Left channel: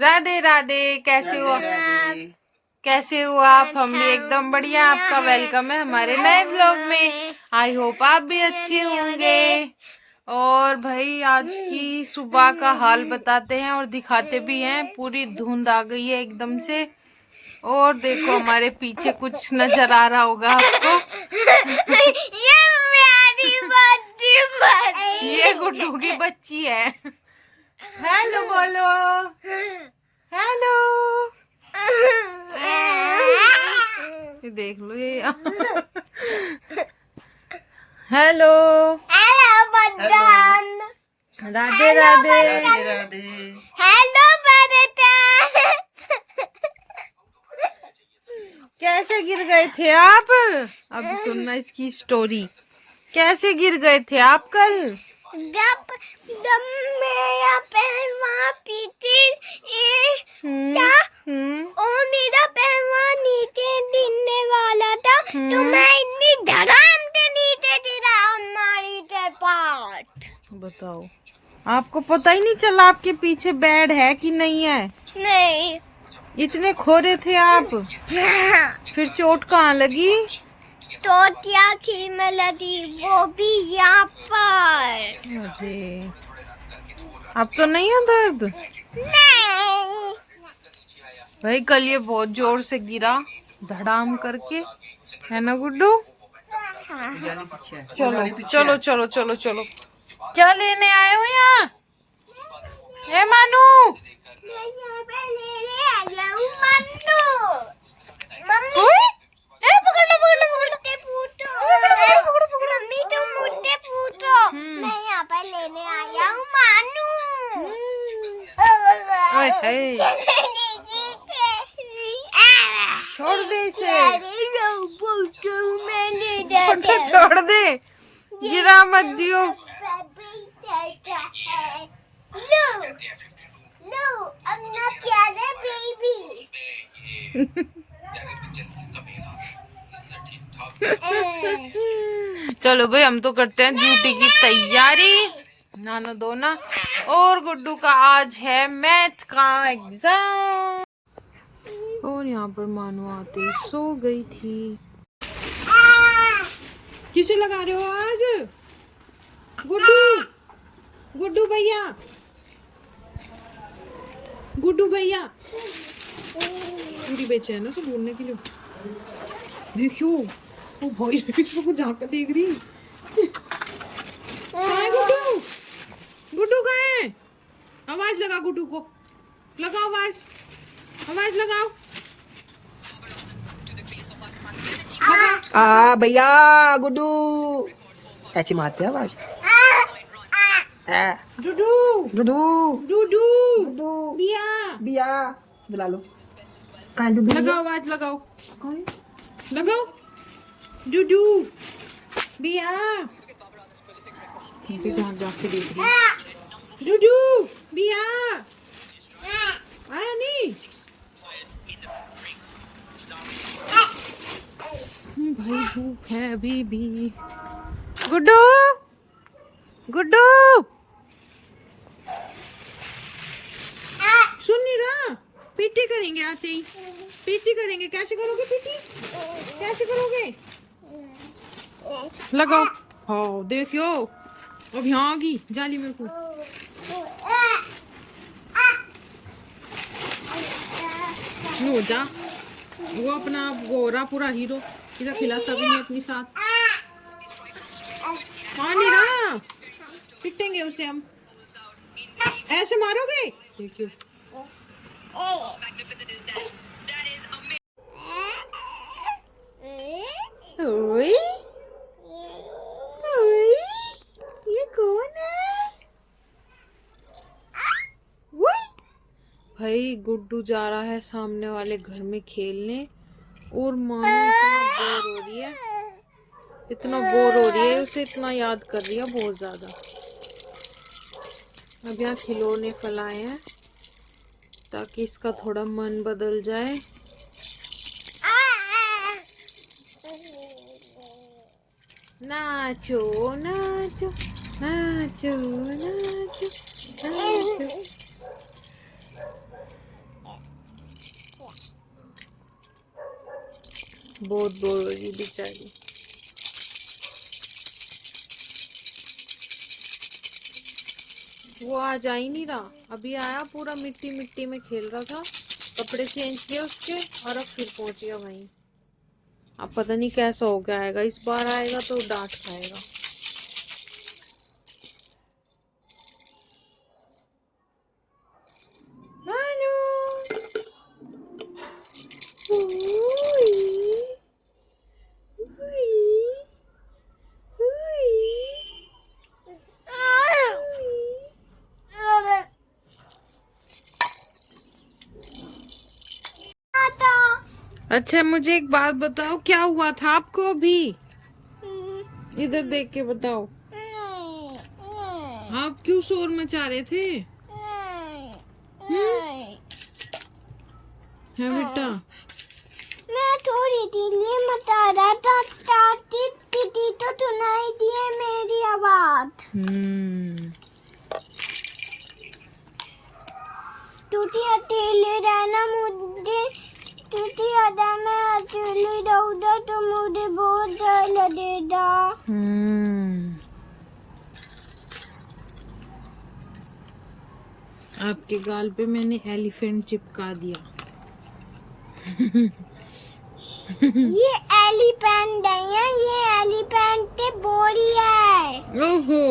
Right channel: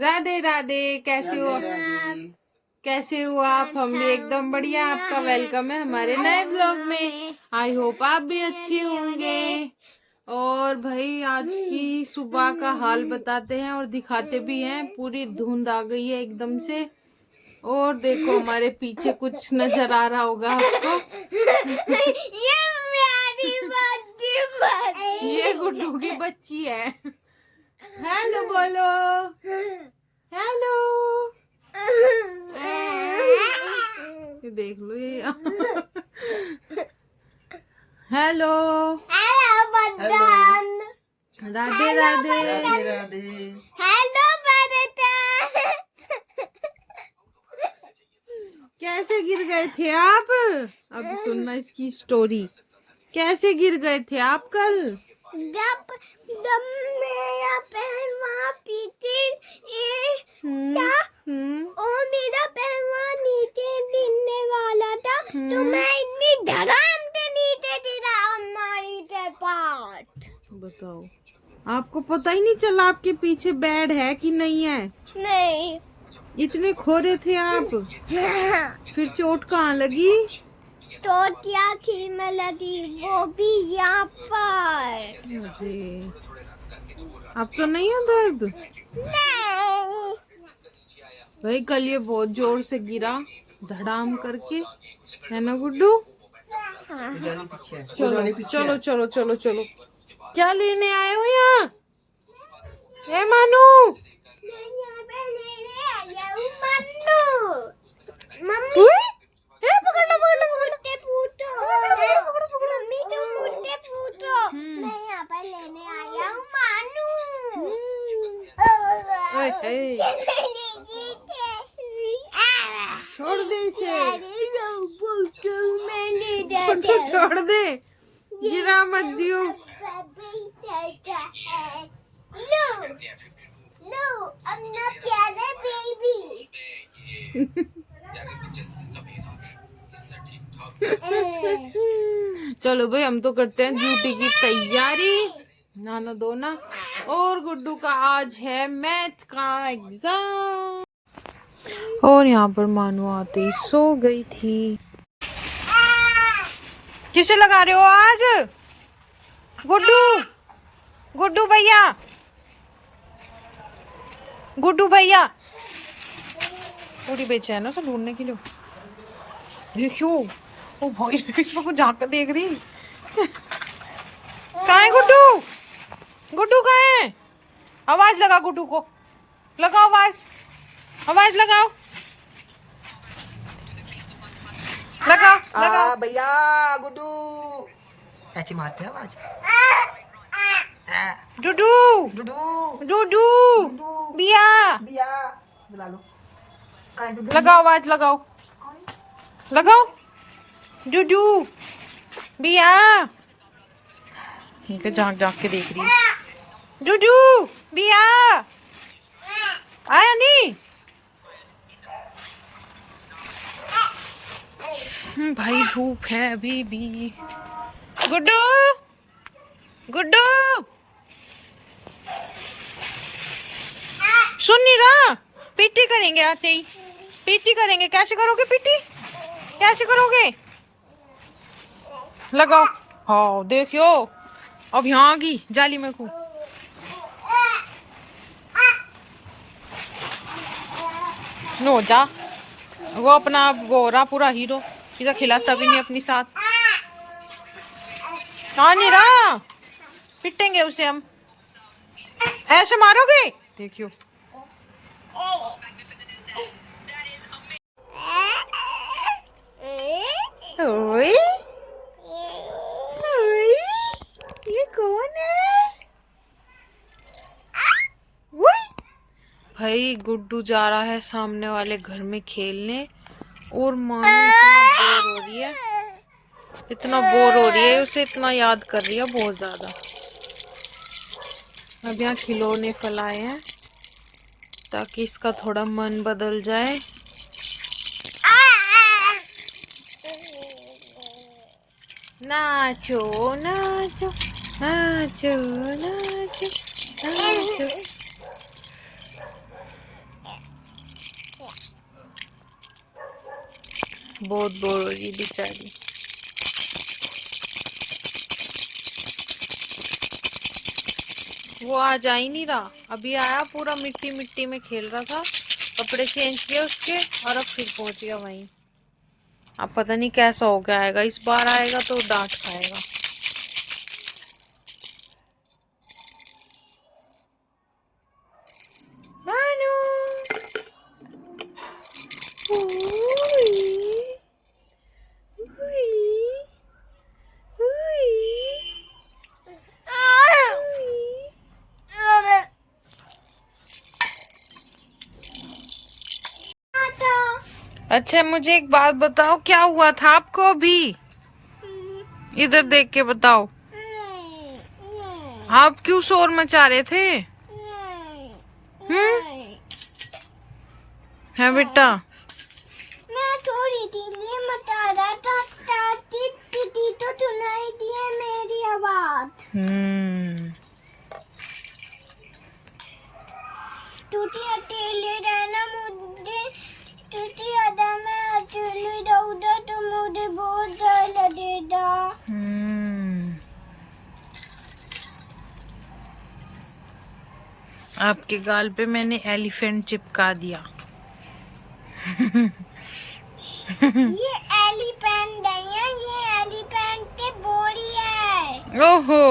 राधे राधे। कैसे हो? कैसे हो आप? हम भी एकदम बढ़िया। आपका वेलकम है हमारे नए व्लॉग में। आई होप आप भी अच्छे होंगे। और भाई आज की सुबह का हाल बताते हैं और दिखाते भी हैं। पूरी धुंध आ गई है एकदम से। और देखो हमारे पीछे कुछ नजर आ रहा होगा आपको। ये गुड्डू की बच्ची है। हेलो बोलो। हेलो। ये देख लो ये। हेलो। राधे राधे। हेलो कैसे गिर गए थे आप? अब सुनना इसकी स्टोरी। कैसे गिर गए थे आप कल? जब मेरा पैर वहाँ पीछे था और मेरा पैर वहाँ नीचे गिरने वाला था तो मैं इतनी धड़ाम से नीचे गिरा हमारी पार्ट। बताओ, आपको पता ही नहीं चला आपके पीछे बेड है कि नहीं है? नहीं। इतने खोरे थे आप। फिर चोट कहाँ लगी? तो क्या थी में लगी, वो भी यहाँ पर। अरे अब तो नहीं है दर्द? नहीं। भाई कल ये बहुत जोर से गिरा, धड़ाम करके, है ना गुड्डू? चलो चलो चलो चलो चलो। क्या लेने आए हो यहाँ? ए मानू। मम्मी पकड़ लो पकड़ लो पकड़ लो। मम्मी तुम मुझसे पूछो, मैं यहाँ पर लेने आया हूँ मानू। छोड़ दे इसे। मैं छोड़ दे, गिरा मत दियो। नो अपना प्यारा बेबी। चलो भाई हम तो करते हैं ड्यूटी की तैयारी, नहाना धोना। और गुड्डू का आज है मैथ का एग्जाम। और यहाँ पर मानू आते ही सो गई थी। किसे लगा रहे हो आज? गुड्डू, गुड्डू भैया, गुड्डू भैया। पूरी बेचैन है ढूंढने के लिए। देखियो वो भाई इसको कुछ झांक देख रही। कहाँ है गुड्डू? गुड्डू कहाँ है? आवाज लगा गुड्डू को, लगाओ आवाज, आवाज लगाओ, लगाओ। भैया गुड्डू ऐसी मारते हैं आवाज। डूडू डूडू डूडू बिया बिया बुला लो। लगाओ आवाज, लगाओ लगाओ। डूडू बिया झांक झांक के देख रही है। डूडू बिया आया नहीं? भाई धूप है अभी भी। गुड्डू, गुड्डू सुन नहीं रहा? पीटी करेंगे आते ही, पीटी करेंगे। कैसे करोगे पीटी? कैसे करोगे? लगाओ। हाँ देखियो अब यहाँ आ गई जाली में को। नो जा, वो अपना गोरा पूरा हीरो इसे खिलाता भी नहीं अपनी साथ। हाँ नहीं रहा, पिटेंगे उसे हम। ऐसे मारोगे? देखियो ओए ओए, ये कौन है? भाई गुड्डू जा रहा है सामने वाले घर में खेलने और मानो इतना बोर हो रही है, इतना बोर हो रही है, उसे इतना याद कर रही है बहुत ज्यादा। अब यहाँ खिलौने फैलाए हैं ताकि इसका थोड़ा मन बदल जाए। नाचो नाचो नाचो नाचो नाचो। बहुत बोर हो रही है बेचारी। वो आज आ ही नहीं रहा, अभी आया पूरा मिट्टी मिट्टी में खेल रहा था, कपड़े चेंज किए उसके और अब फिर पहुंच गया वहीं। अब पता नहीं कैसा हो गया, आएगा इस बार आएगा तो डांट खाएगा। मानू अच्छा मुझे एक बात बताओ, क्या हुआ था आपको अभी? इधर देख के बताओ, आप क्यों शोर मचा रहे थे? है बेटा? मैं थोड़ी ढीली मचा रहा था, टीटी तो सुनाई दिए मेरी आवाज। टूटी अकेले रहना मुझे, टूटी अदा मैं अकेली रहूंगा तो मुझे बहुत डर लगेगा। आपके गाल पे मैंने एलिफेंट चिपका दिया। ये एलिफेंट नहीं है, ये एलिफेंट की बॉडी है। ओहो,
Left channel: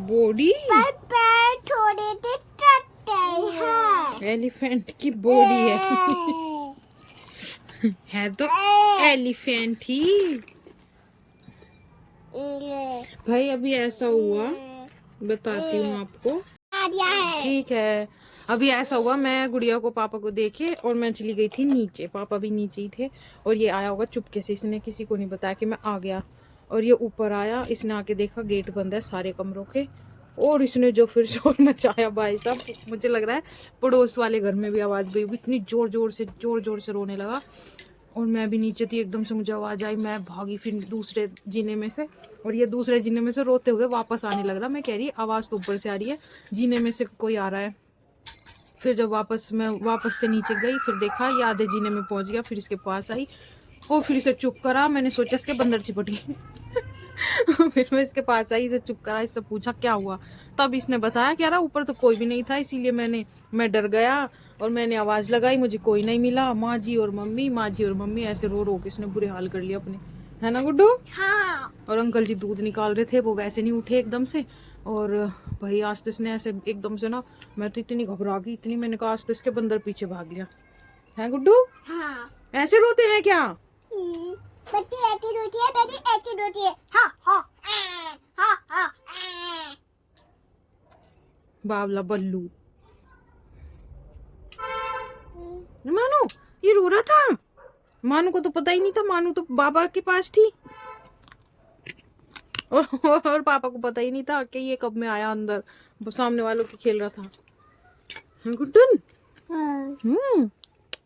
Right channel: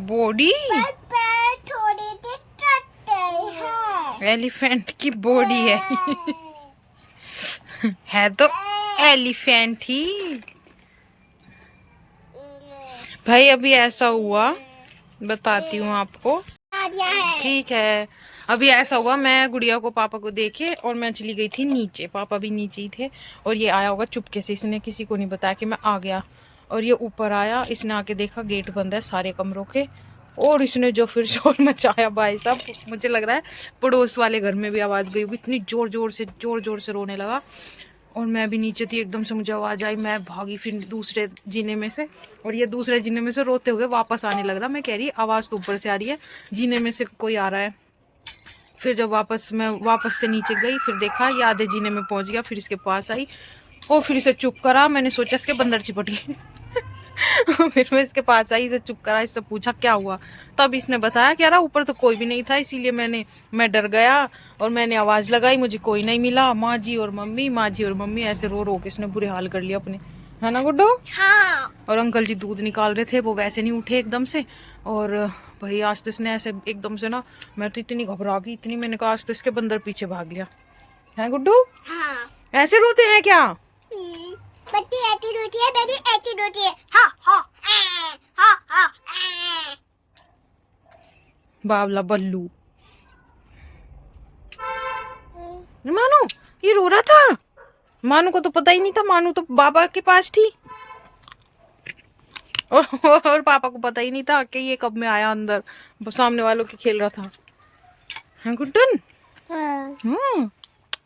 बॉडी? पर पैर थोड़े से चट्टे हैं। एलिफेंट की बॉडी है। है तो एलिफेंट ही। भाई अभी ऐसा हुआ, बताती हूँ आपको। ठीक है, अभी ऐसा हुआ, मैं गुड़िया को पापा को देखे और मैं चली गई थी नीचे, पापा भी नीचे ही थे और ये आया होगा चुपके से, इसने किसी को नहीं बताया कि मैं आ गया। और ये ऊपर आया, इसने आके देखा गेट बंद है सारे कमरों के, और इसने जो फिर शोर मचाया भाई साहब, मुझे लग रहा है पड़ोस वाले घर में भी आवाज़ गई होगी, इतनी जोर जोर से रोने लगा। और मैं भी नीचे थी, एकदम से मुझे आवाज़ आई, मैं भागी फिर दूसरे जीने में से, और ये दूसरे जीने में से रोते हुए वापस आने लग रहा। मैं कह रही आवाज़ तो ऊपर से आ रही है, जीने में से कोई आ रहा है। फिर जब मैं वापस से नीचे गई, फिर देखा ये आधे जीने में पहुंच गया, फिर इसके पास आई और फिर इसे चुप करा। मैंने सोचा इसके बंदर चिपट गए। फिर मैं इसके पास आई, इसे चुप करा, इससे पूछा क्या हुआ, तब इसने बताया कि यार ऊपर तो कोई भी नहीं था, इसीलिए मैं डर गया और मैंने आवाज़ लगाई, मुझे कोई नहीं मिला। माँ जी और मम्मी ऐसे रो रो के इसने बुरे हाल कर लिया अपने, है ना गुड्डू? हाँ। और अंकल जी दूध निकाल रहे थे, वो वैसे नहीं उठे एकदम से। और भाई आज तो इसने ऐसे एकदम से ना, मैं तो इतनी घबरा गई, इतनी, मैंने कहा आज तो इसके बंदर पीछे भाग लिया। है गुड्डू? हाँ। ऐसे रोते हैं क्या? बच्ची ऐसी रोती है, बेटी ऐसी रोती है। हाँ हाँ हाँ हाँ। बावला बल्लू। मानू ये रो रहा था, मानू को तो पता ही नहीं था, मानू तो बाबा के पास थी और पापा को पता ही नहीं था कि ये कब में आया अंदर, सामने वालों के खेल रहा था। है गुड्डन?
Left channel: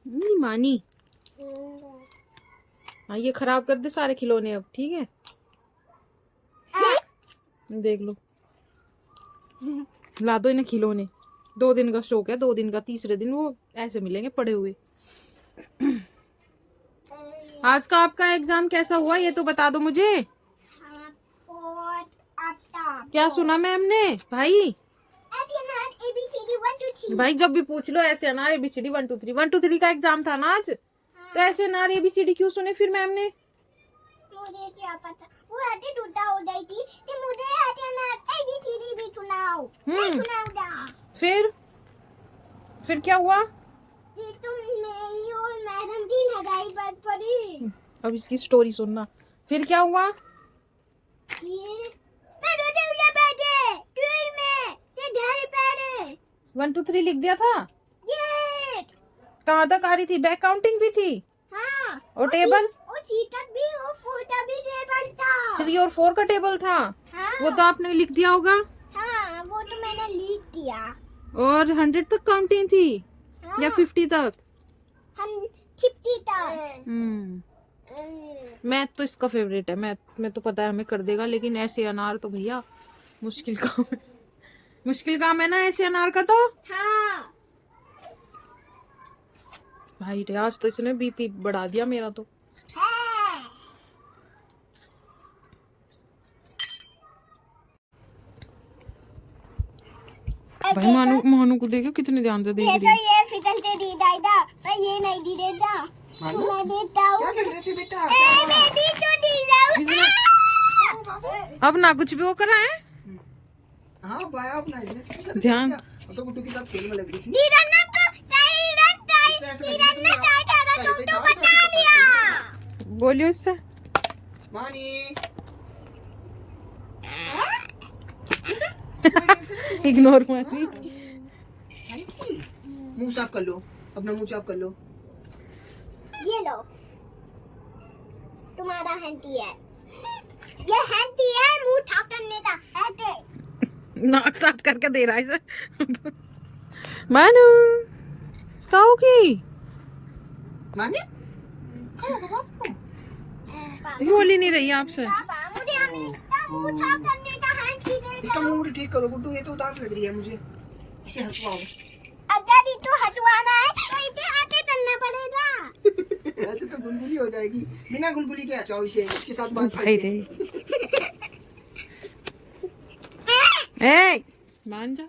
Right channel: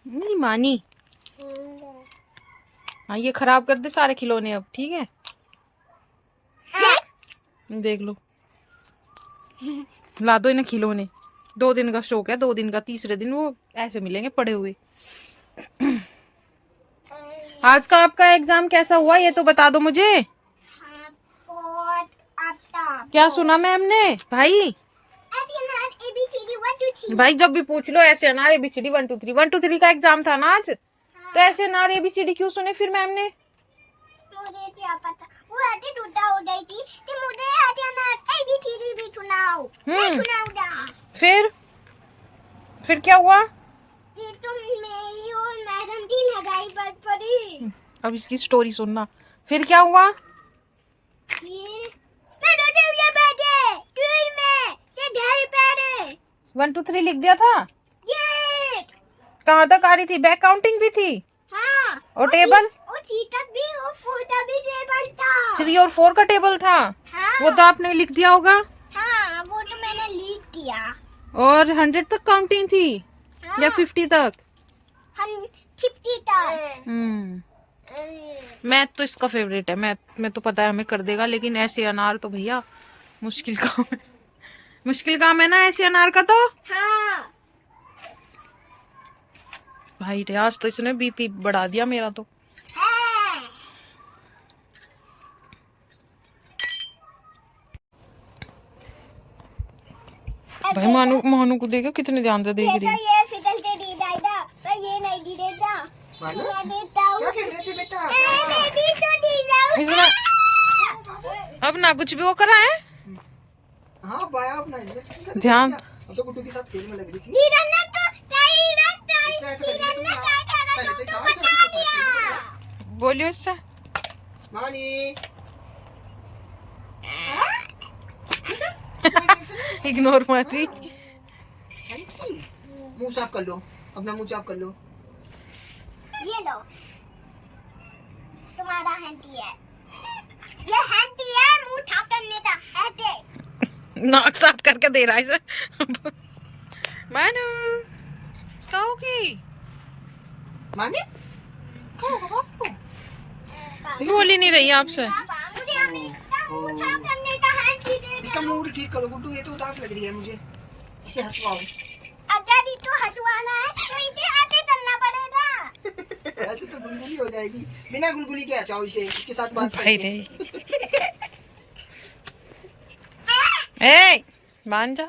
नहीं मानी। हाँ ये खराब कर दे सारे खिलौने अब, ठीक है? देख लो, ला दो इन्हें खिलौने। 2 दिन का शौक है, 2 दिन का, तीसरे दिन वो ऐसे मिलेंगे पड़े हुए। आज का आपका एग्जाम कैसा हुआ ये तो बता दो मुझे। क्या सुना मैम ने? भाई भाई जब भी पूछ लो ऐसे अनार ABCD 1 2 3 1 2 3 का एग्जाम था ना आज, तो ऐसे अनार ABCD क्यों सुने फिर मैम ने? मुझे क्या पता, वो ऐसे टूटा हो गई थी कि मुझे ऐसे अनार ABCD भी सुनाओ। मैं सुनाऊंगा। फिर क्या हुआ? फिर तुम मेरी और मैडम की लगाई पर पड़ी। अब इसकी स्टोरी सुनना। फिर क्या हुआ? ये मैं रोते हुए बैठे ट्रेन में, ये घर पे 1 2 3 लिख दिया था। ये कहाँ तक आ रही थी? बैक काउंटिंग भी थी? हाँ। और टेबल? और 3 तक भी और 4 तक भी टेबल था। 3 और 4 का टेबल था? हाँ। वो तो आपने लिख दिया होगा। हाँ वो तो मैंने लिख दिया। और 100 तक काउंटिंग थी? हाँ। या 50 तक? 50 तक। मैथ तो इसका फेवरेट है, मैथ में तो पता है हमें कर देगा, लेकिन ऐसे अनार तो भैया मुश्किल काम है। मुश्किल काम है ना ऐसे अनार का तो। हाँ। भाई आज तो इसने BP बढ़ा दिया मेरा तो। हाँ। भाई मोनू को देखो कितने ध्यान से देख ये रही तो है। ये फिकलते दी दादा पर ये नहीं दी देता मानो मैं देता हूँ क्या कर रही थी बेटा? मैं दी तो दी जाऊँ इसने अब ना कुछ भी वो करा है। हाँ बाया अपना इसने ध्यान। अब तो गुड्डू के साथ खेल में लग रही थी। तीरन्ना तो ऐसे तीरन्ना पहले तो तो बचा दिया बोलियो इससे। मानी इग्नोर मार रही। मुंह साफ कर लो, अपना मुंह साफ कर लो। ये लो तुम्हारा हैंटी है ये हैंटी है मुंह साफ करने का ऐसे नाक साफ करके दे रहा है इसे। मानू खाओगी? मानी खाओ बाबू। बोल ही नहीं रही आपसे। पापा मुझे अभी मुंह साफ करने का हैंटी दे इसका मूड ठीक करो गुड्डू, ये तो उदास लग रही है मुझे, इसे हंसवाओ। अगर तू हटवाना है तो इसे आगे करना पड़ेगा ऐसे तो गुलगुली हो जाएगी, बिना गुलगुली के चाहो इसे, इसके साथ बात भाई करके। रे ए मान जा।